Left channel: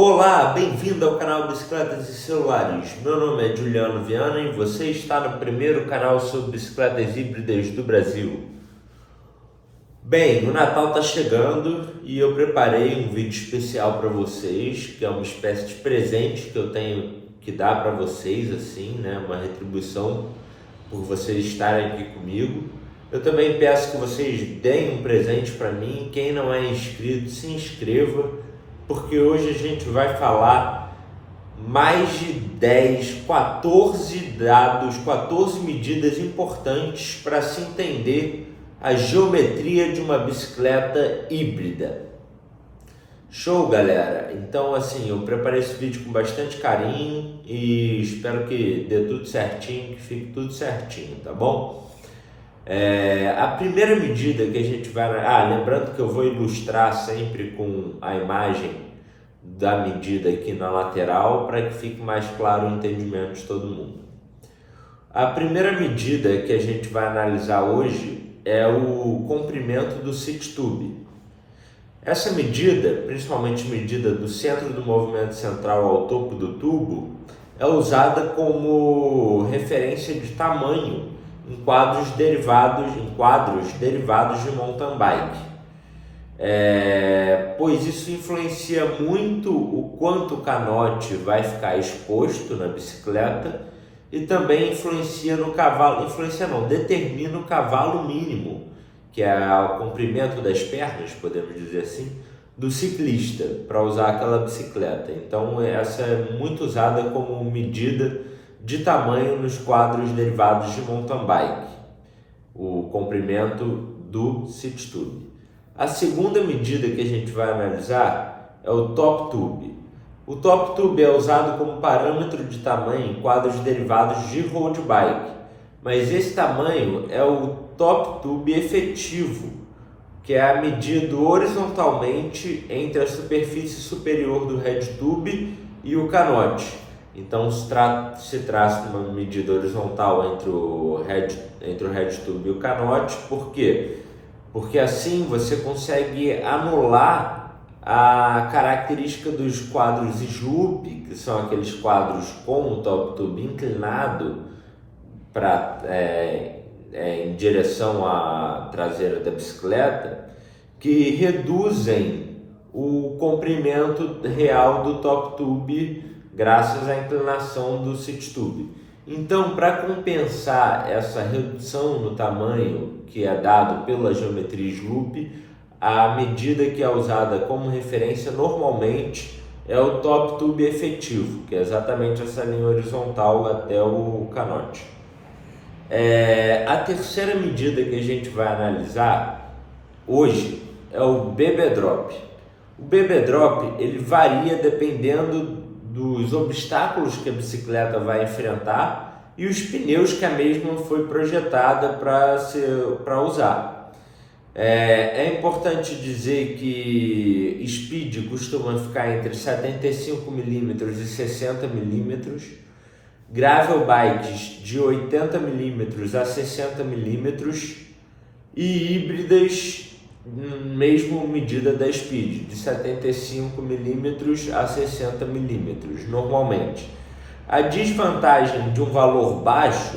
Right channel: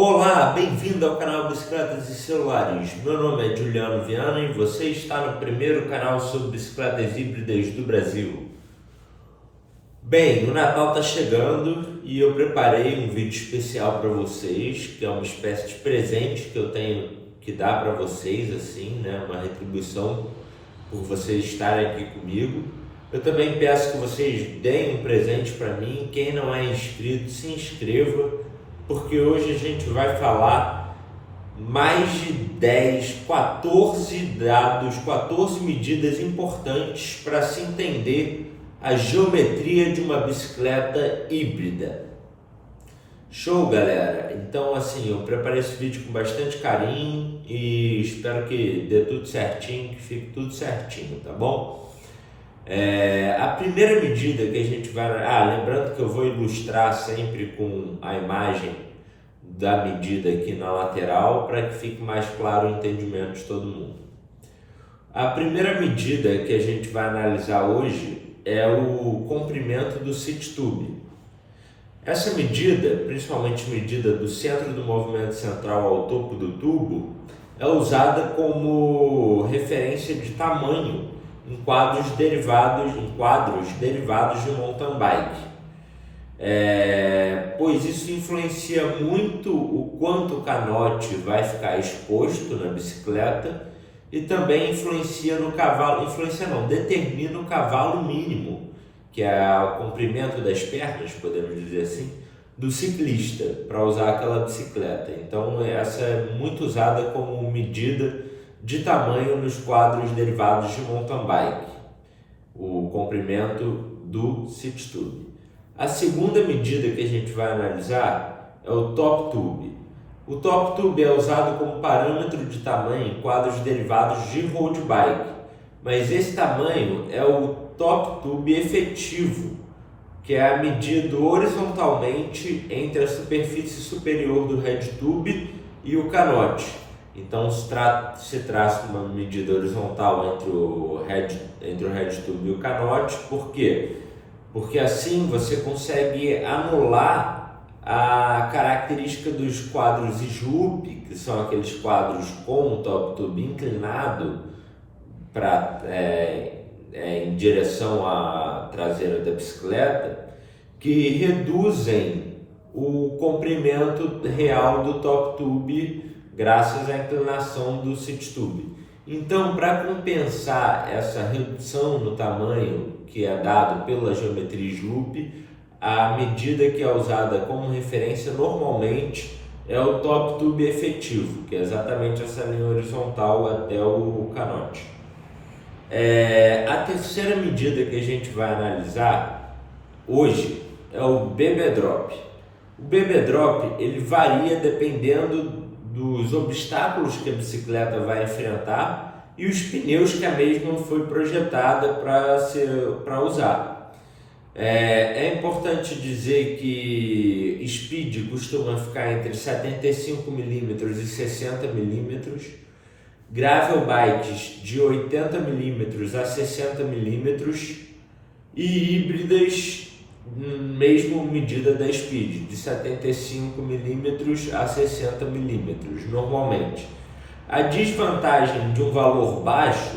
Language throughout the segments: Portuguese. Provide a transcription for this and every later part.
Olá, bem-vindo ao canal Bicicletas e Celulares. Meu nome é Juliano Viana e você está no primeiro canal sobre bicicletas híbridas do Brasil. Bem, o Natal está chegando e eu preparei um vídeo especial para vocês, que é uma espécie de presente que eu tenho que dar para vocês, assim, né? Uma retribuição por vocês estarem aqui comigo. Eu também peço que vocês deem um presente para mim. Quem não é inscrito, se inscreva, porque hoje a gente vai falar mais de 14 dados, 14 medidas importantes para se entender a geometria de uma bicicleta híbrida. Show, galera? Então, assim, eu preparei esse vídeo com bastante carinho e espero que dê tudo certinho, que fique tudo certinho, tá bom? A primeira medida que a gente vai... lembrando que eu vou ilustrar sempre com a imagem da medida aqui na lateral para que fique mais claro o entendimento de todo mundo. A primeira medida que a gente vai analisar hoje é o comprimento do seat tube. Essa medida, principalmente medida do centro do movimento central ao topo do tubo, é usada como referência de tamanho em quadros derivados de mountain bike. Pois isso influencia muito o quanto o canote vai ficar exposto na bicicleta e também determina o cavalo mínimo, que é o comprimento das pernas, podemos dizer assim, do ciclista para usar aquela bicicleta. Então essa é muito usada como medida de tamanho nos quadros derivados de mountain bike, o comprimento do seat tube. A segunda medida que a gente vai analisar é o top tube. O top tube é usado como parâmetro de tamanho em quadros derivados de road bike, mas esse tamanho é o top tube efetivo, que é medido horizontalmente entre a superfície superior do head tube e o canote. Então se traça uma medida horizontal entre o head tube e o canote. Por quê? Porque assim você consegue anular a característica dos quadros slope, que são aqueles quadros com o top tube inclinado em direção à traseira da bicicleta, que reduzem o comprimento real do top tube graças à inclinação do seat tube. Então, para compensar essa redução no tamanho que é dado pela geometria slope, a medida que é usada como referência normalmente é o top tube efetivo, que é exatamente essa linha horizontal até o canote. A terceira medida que a gente vai analisar hoje é o BB Drop. O BB Drop ele varia dependendo dos obstáculos que a bicicleta vai enfrentar e os pneus que a mesma foi projetada para usar. É importante dizer que speed costuma ficar entre 75 mm e 60 mm, gravel bikes de 80 mm a 60 mm e híbridas mesmo medida da speed, de 75 mm a 60 mm normalmente. A desvantagem de um valor baixo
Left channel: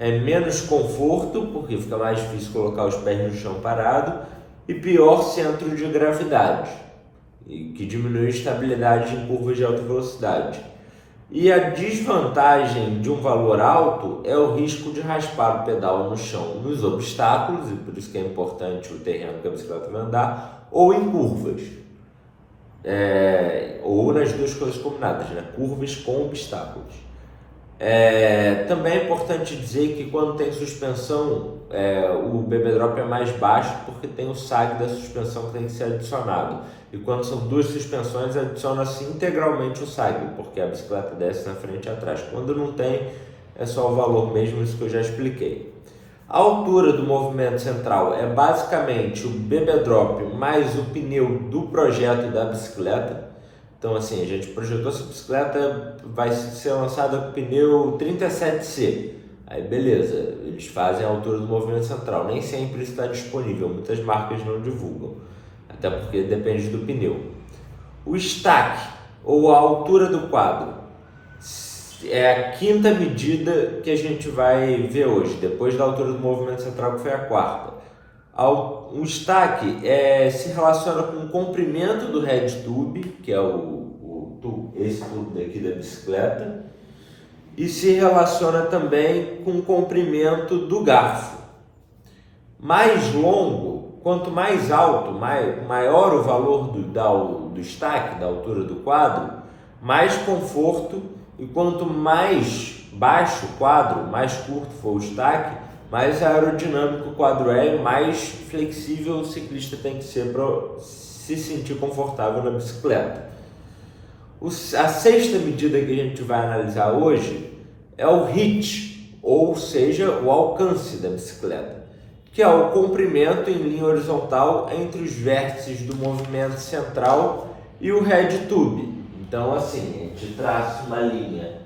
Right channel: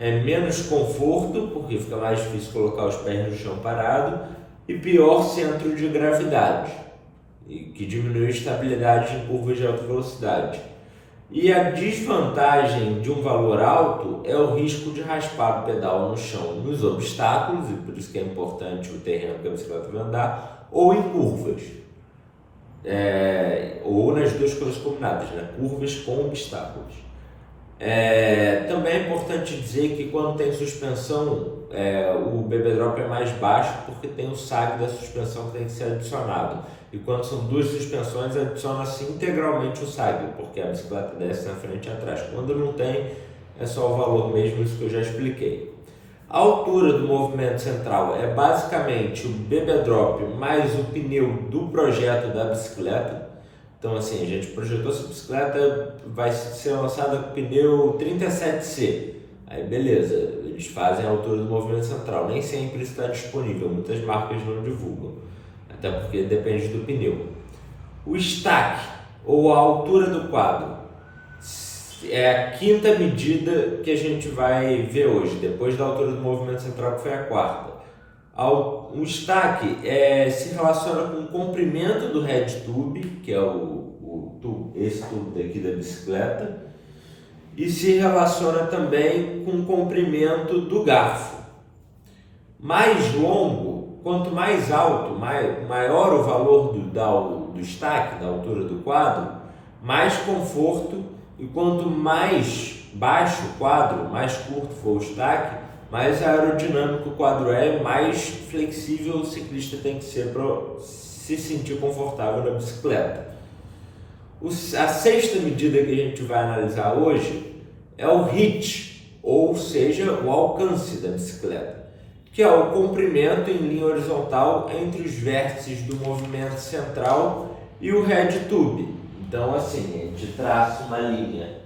é menos conforto, porque fica mais difícil colocar os pés no chão parado, e pior centro de gravidade, que diminui a estabilidade em curvas de alta velocidade. E a desvantagem de um valor alto é o risco de raspar o pedal no chão nos obstáculos, e por isso que é importante o terreno que a bicicleta vai andar, ou em curvas, ou nas duas coisas combinadas, né? Curvas com obstáculos. Também é importante dizer que quando tem suspensão, o BB Drop é mais baixo porque tem o sag da suspensão que tem que ser adicionado. E quando são duas suspensões, adiciona-se integralmente o sag, porque a bicicleta desce na frente e atrás. Quando não tem, é só o valor mesmo, isso que eu já expliquei. A altura do movimento central é basicamente o BB Drop mais o pneu do projeto da bicicleta. Então assim, a gente projetou essa bicicleta, vai ser lançada com pneu 37C. Aí beleza, eles fazem a altura do movimento central. Nem sempre isso está disponível, muitas marcas não divulgam, até porque depende do pneu. O stack ou a altura do quadro. É a quinta medida que a gente vai ver hoje, depois da altura do movimento central, que foi a quarta. O estaque se relaciona com o comprimento do head tube, que é esse tubo daqui da bicicleta, e se relaciona também com o comprimento do garfo. Mais longo, quanto mais alto, maior o valor do estaque, da altura do quadro, mais conforto, e quanto mais baixo o quadro, mais curto for o estaque, mais aerodinâmico o quadro é, mais flexível o ciclista tem que ser para se sentir confortável na bicicleta. A sexta medida que a gente vai analisar hoje é o reach, ou seja, o alcance da bicicleta, que é o comprimento em linha horizontal entre os vértices do movimento central e o head tube. Então, assim, a gente traça uma linha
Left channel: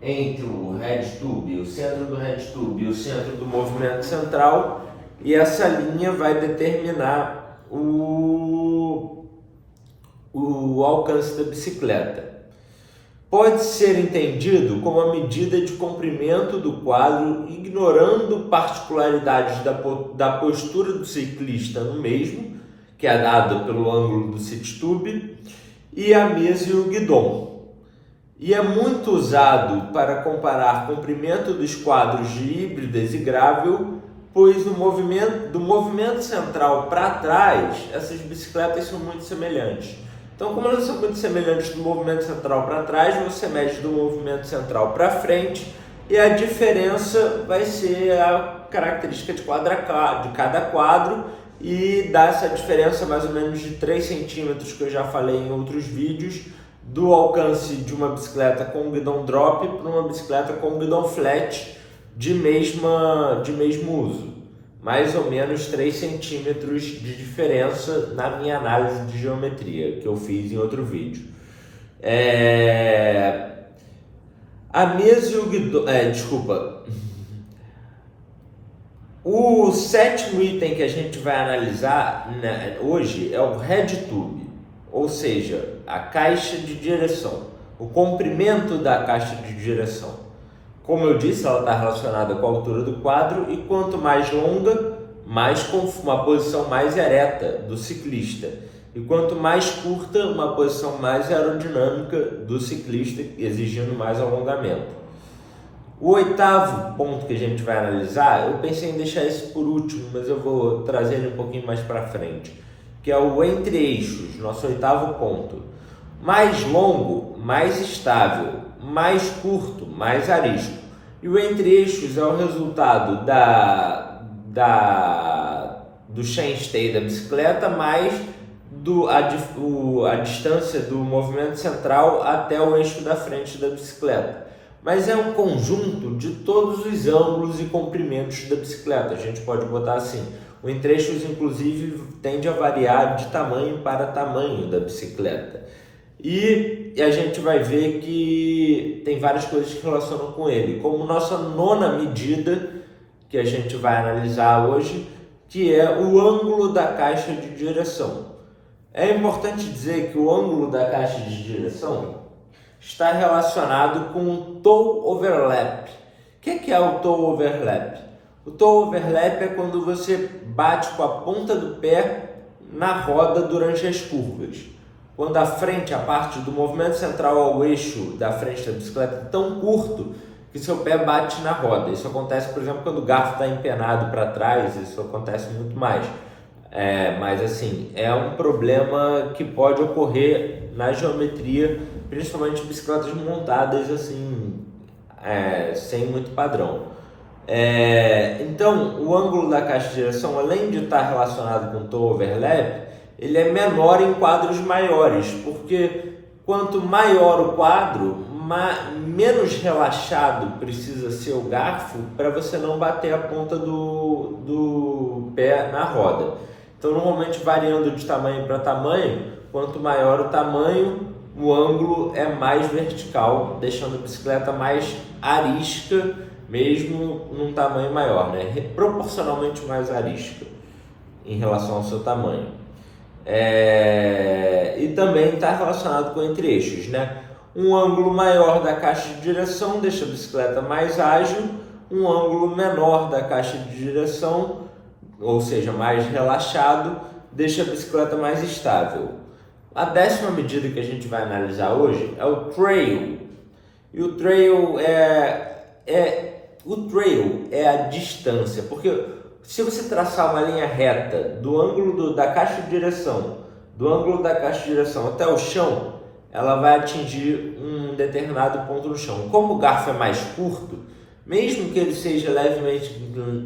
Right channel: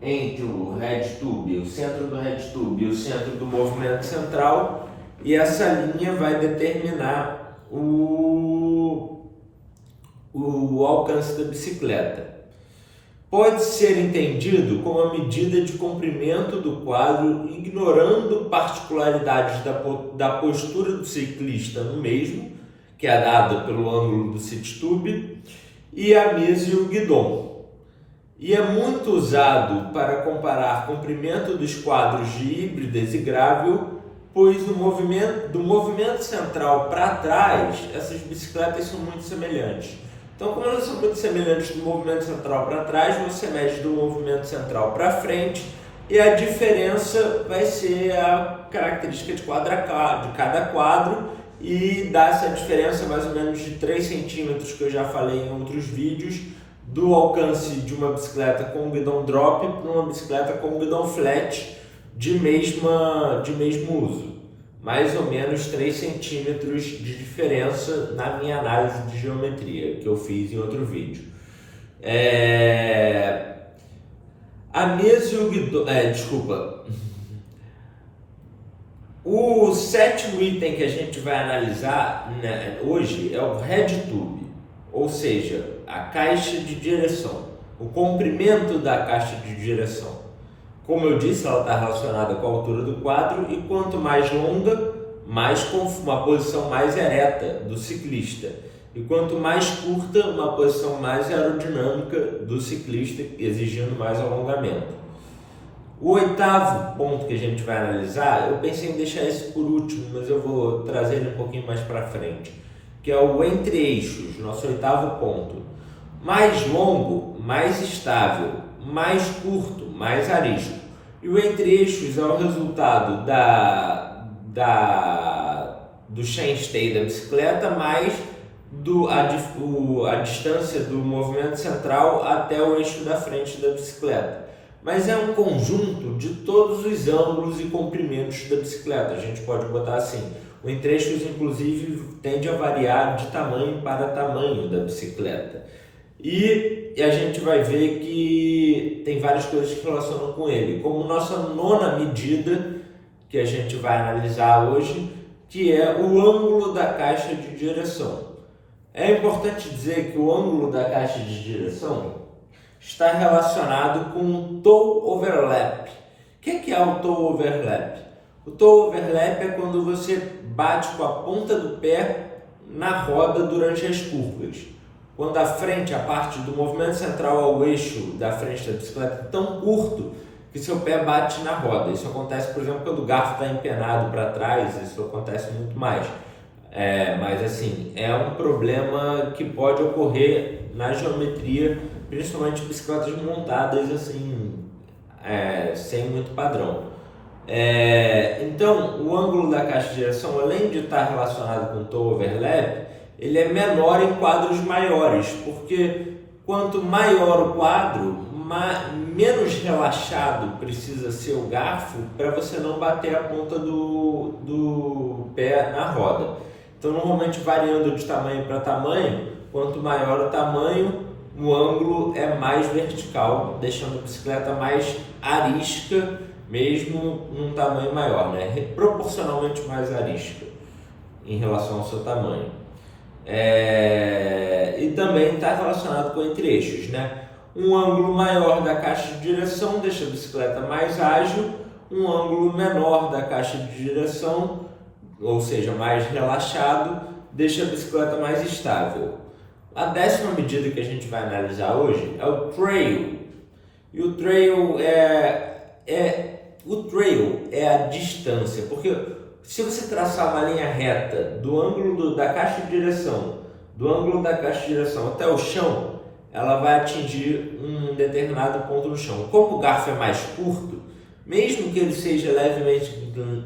entre o head tube, o centro do head tube e o centro do movimento central, e essa linha vai determinar o alcance da bicicleta. Pode ser entendido como a medida de comprimento do quadro, ignorando particularidades da postura do ciclista no mesmo, que é dada pelo ângulo do sit tube, e a mesa e o guidon. E é muito usado para comparar comprimento dos quadros de híbridas e gravel, pois do movimento central para trás, essas bicicletas são muito semelhantes. Então, como elas são muito semelhantes do movimento central para trás, você mede do movimento central para frente, e a diferença vai ser a característica de cada quadro, e dá essa diferença mais ou menos de 3 centímetros, que eu já falei em outros vídeos, do alcance de uma bicicleta com guidão drop para uma bicicleta com guidão flat de mesmo uso. Mais ou menos 3 centímetros de diferença na minha análise de geometria, que eu fiz em outro vídeo. A mesa e o guidão... O sétimo item que a gente vai analisar hoje é o head tube, ou seja, a caixa de direção, o comprimento da caixa de direção. Como eu disse, ela está relacionada com a altura do quadro, e quanto mais longa, mais uma posição mais ereta do ciclista, e quanto mais curta, uma posição mais aerodinâmica do ciclista, exigindo mais alongamento. O oitavo ponto que a gente vai analisar, eu pensei em deixar esse por último, mas eu vou trazer ele um pouquinho mais para frente, que é o entre-eixos, nosso oitavo ponto. Mais longo, mais estável, mais curto, mais arisco. E o entre-eixos é o resultado do chainstay da bicicleta mais a distância do movimento central até o eixo da frente da bicicleta. Mas é um conjunto de todos os ângulos e comprimentos da bicicleta. A gente pode botar assim, o entre-eixos inclusive tende a variar de tamanho para tamanho da bicicleta. E a gente vai ver que tem várias coisas que relacionam com ele, como nossa nona medida que a gente vai analisar hoje, que é o ângulo da caixa de direção. É importante dizer que o ângulo da caixa de direção está relacionado com o toe overlap. O que é o toe overlap? O toe overlap é quando você bate com a ponta do pé na roda durante as curvas. Quando a parte do movimento central ao eixo da frente da bicicleta é tão curto que seu pé bate na roda. Isso acontece, por exemplo, quando o garfo está empenado para trás, isso acontece muito mais. Mas assim, é um problema que pode ocorrer na geometria, principalmente bicicletas montadas assim, sem muito padrão. Então, o ângulo da caixa de direção, além de estar relacionado com o toe overlap, ele é menor em quadros maiores, porque quanto maior o quadro, menos relaxado precisa ser o garfo para você não bater a ponta do pé na roda. Então, normalmente variando de tamanho para tamanho, quanto maior o tamanho, o ângulo é mais vertical, deixando a bicicleta mais arisca, mesmo num tamanho maior, né? Proporcionalmente mais arisca em relação ao seu tamanho. E também está relacionado com entre-eixos, né? Um ângulo maior da caixa de direção deixa a bicicleta mais ágil, um ângulo menor da caixa de direção, ou seja, mais relaxado, deixa a bicicleta mais estável. A 10ª medida que a gente vai analisar hoje é o trail. E o trail é a distância, porque se você traçar uma linha reta do ângulo da caixa de direção, até o chão, ela vai atingir um determinado ponto no chão. Como o garfo é mais curto, mesmo que ele seja levemente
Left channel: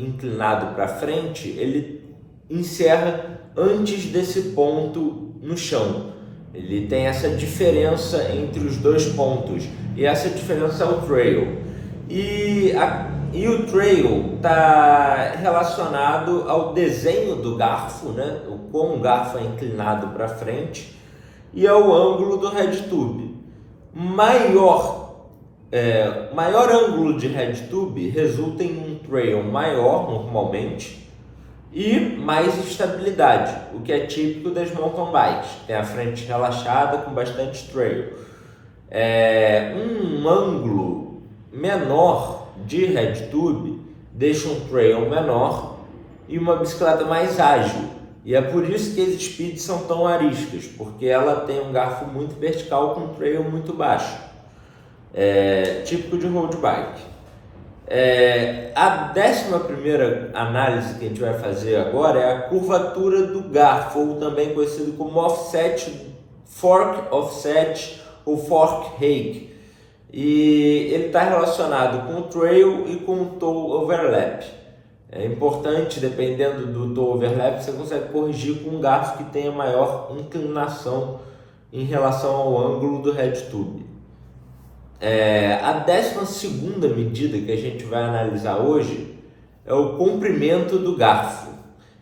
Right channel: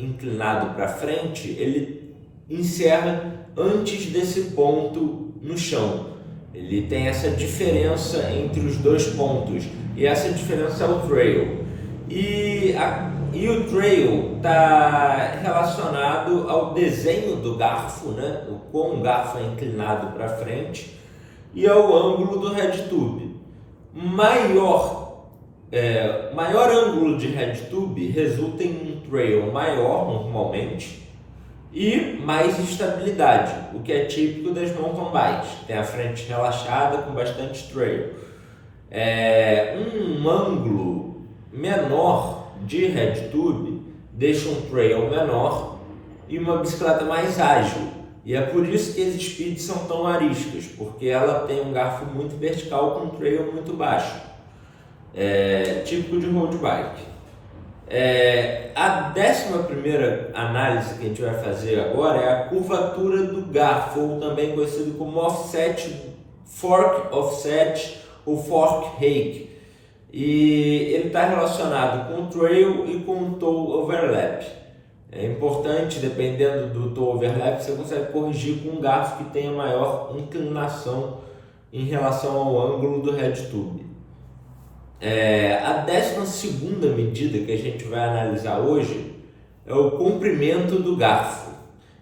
inclinado para frente, ele encerra antes desse ponto no chão. Ele tem essa diferença entre os dois pontos, e essa diferença é o trail. E o trail está relacionado ao desenho do garfo, né? O como o garfo é inclinado para frente, e ao ângulo do head tube. Maior ângulo de head tube resulta em um trail maior normalmente e mais estabilidade, o que é típico das mountain bikes. Tem a frente relaxada com bastante trail. Um ângulo menor de head tube deixa um trail menor e uma bicicleta mais ágil. E é por isso que as speeds são tão ariscas, porque ela tem um garfo muito vertical com um trail muito baixo, típico de road bike. A 11ª análise que a gente vai fazer agora é a curvatura do garfo, ou também conhecido como fork offset ou fork rake. E ele está relacionado com o trail e com o toe overlap. É importante, dependendo do toe overlap, você consegue corrigir com um garfo que tenha maior inclinação em relação ao ângulo do head tube. A 12ª medida que a gente vai analisar hoje é o comprimento do garfo.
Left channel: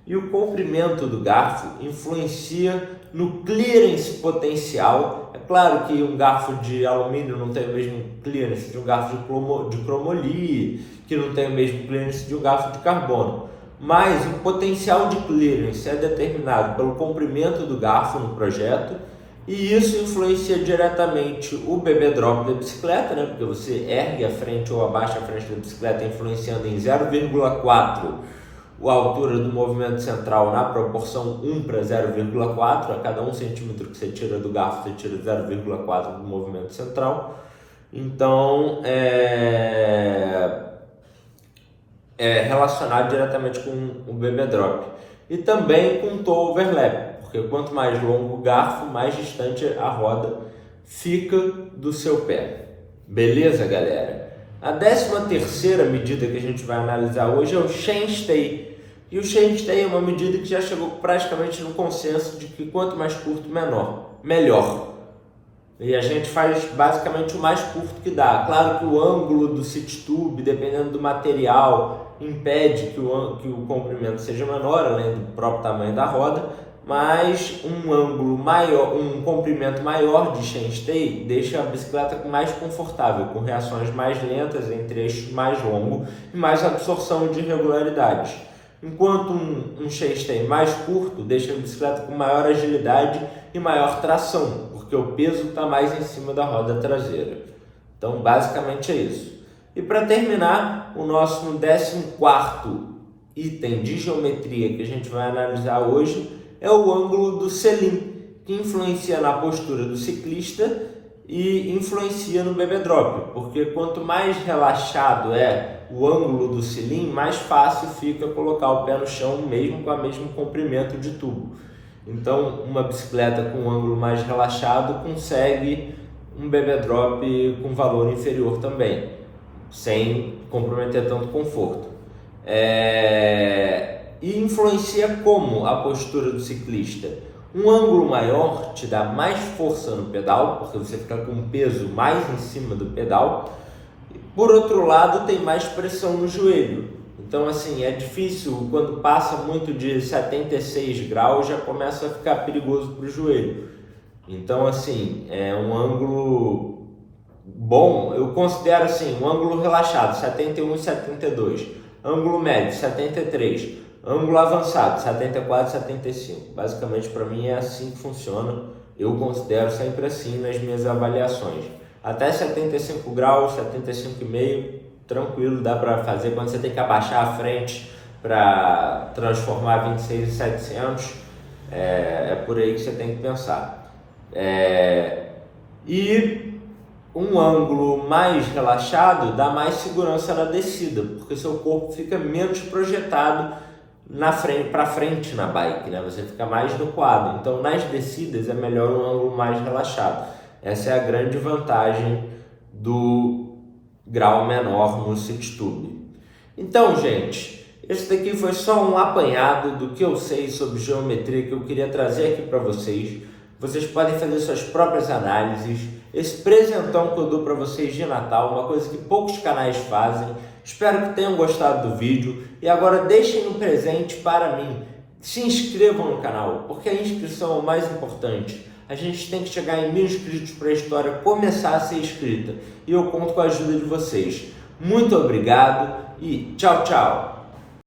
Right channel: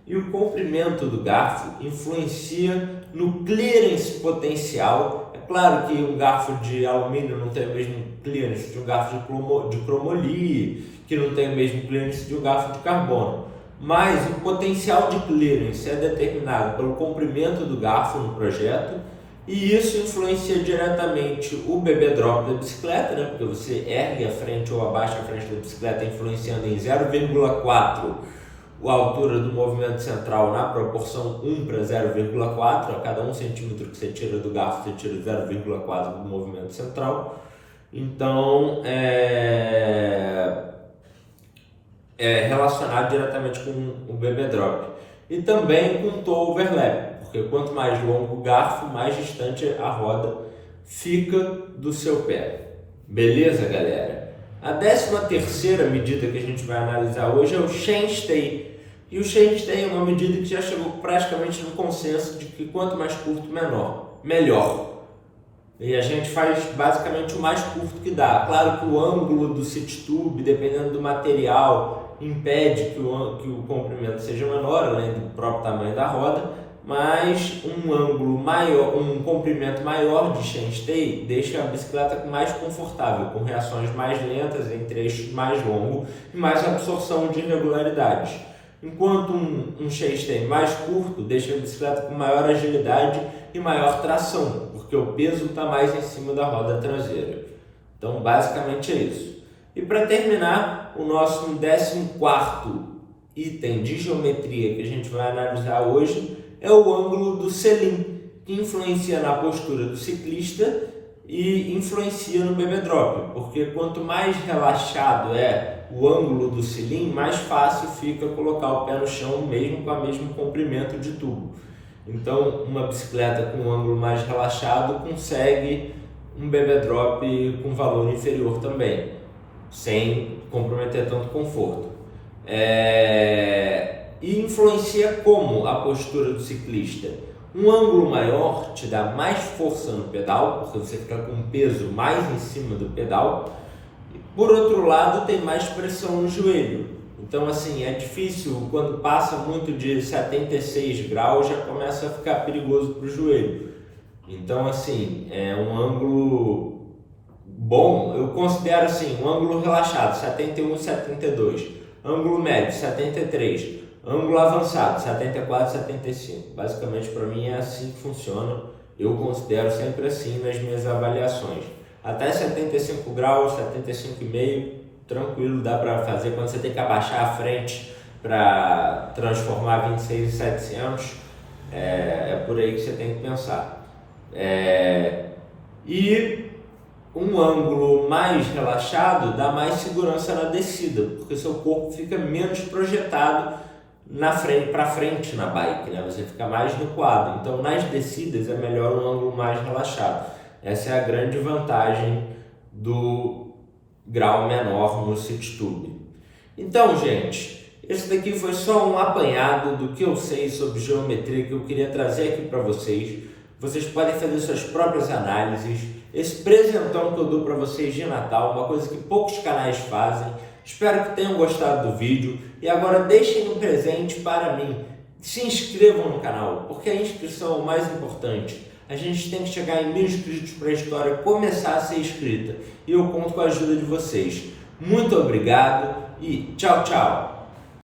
E o comprimento do garfo influencia no clearance potencial. É claro que um garfo de alumínio não tem o mesmo clearance de um garfo de cromoly, que não tem o mesmo clearance de um garfo de carbono. Mas o potencial de clearance é determinado pelo comprimento do garfo no projeto, e isso influencia diretamente o bebê drop da bicicleta, né? Porque você ergue a frente ou abaixa a frente da bicicleta, influenciando em 0,4 a altura do movimento central na proporção 1 para 0,4. A cada 1 centímetro que você tira do garfo, você tira 0,4 do movimento central. Então, é relacionado diretamente com o bebê drop. E também com o toe overlap, porque quanto mais longo o garfo, mais distante a roda fica do seu pé. Beleza, galera? A 13ª medida que a gente vai analisar hoje é o chainstay. E o chainstay é uma medida que já chegou praticamente no consenso de que quanto mais curto, melhor. E a gente faz basicamente o mais curto que dá. Claro que o ângulo do seat tube, dependendo do material, impede que o comprimento seja menor, além do próprio tamanho da roda, mas um ângulo maior, um comprimento maior de chainstay deixa a bicicleta mais confortável, com reações mais lentas, entre eixos mais longos e mais absorção de irregularidades. Enquanto um chainstay mais curto deixa a bicicleta com maior agilidade e maior tração, porque o peso está mais em cima da roda traseira. Então, basicamente é isso. E para terminar, o nosso 14º item de geometria que a gente vai analisar hoje é o ângulo do selim, que influencia na postura do ciclista e influencia no bebê drop, porque quanto mais relaxado é o ângulo do selim, mais fácil fica colocar o pé no chão, mesmo com o mesmo comprimento de tubo. Então, uma bicicleta com um ângulo mais relaxado consegue um bebê drop com valor inferior também, sem comprometer tanto conforto. E influencia como a postura do ciclista? Um ângulo maior te dá mais força no pedal, porque você fica com um peso mais em cima do pedal. Por outro lado, tem mais pressão no joelho. Então, assim, é difícil, quando passa muito de 76 graus, já começa a ficar perigoso para o joelho. Então, assim, é um ângulo bom, eu considero assim, um ângulo relaxado, 71 e 72. Ângulo médio, 73. Ângulo avançado, 74, 75. Basicamente, para mim é assim que funciona. Eu considero sempre assim nas minhas avaliações. Até 75 graus, 75,5, tranquilo, dá para fazer. Quando você tem que abaixar a frente para transformar 26 em 700, é por aí que você tem que pensar. E um ângulo mais relaxado dá mais segurança na descida, porque seu corpo fica menos projetado para frente na bike, né? Você fica mais recuado. Então, nas descidas é melhor um ângulo mais relaxado. Essa é a grande vantagem do grau menor no City Tube. Então, gente, esse daqui foi só um apanhado do que eu sei sobre geometria que eu queria trazer aqui para vocês. Vocês podem fazer suas próprias análises. Esse presentão que eu dou para vocês de Natal, uma coisa que poucos canais fazem. Espero que tenham gostado do vídeo e agora deixem um presente para mim. Se inscrevam no canal, porque a inscrição é o mais importante. A gente tem que chegar em 1000 inscritos para a história começar a ser escrita e eu conto com a ajuda de vocês. Muito obrigado e tchau, tchau!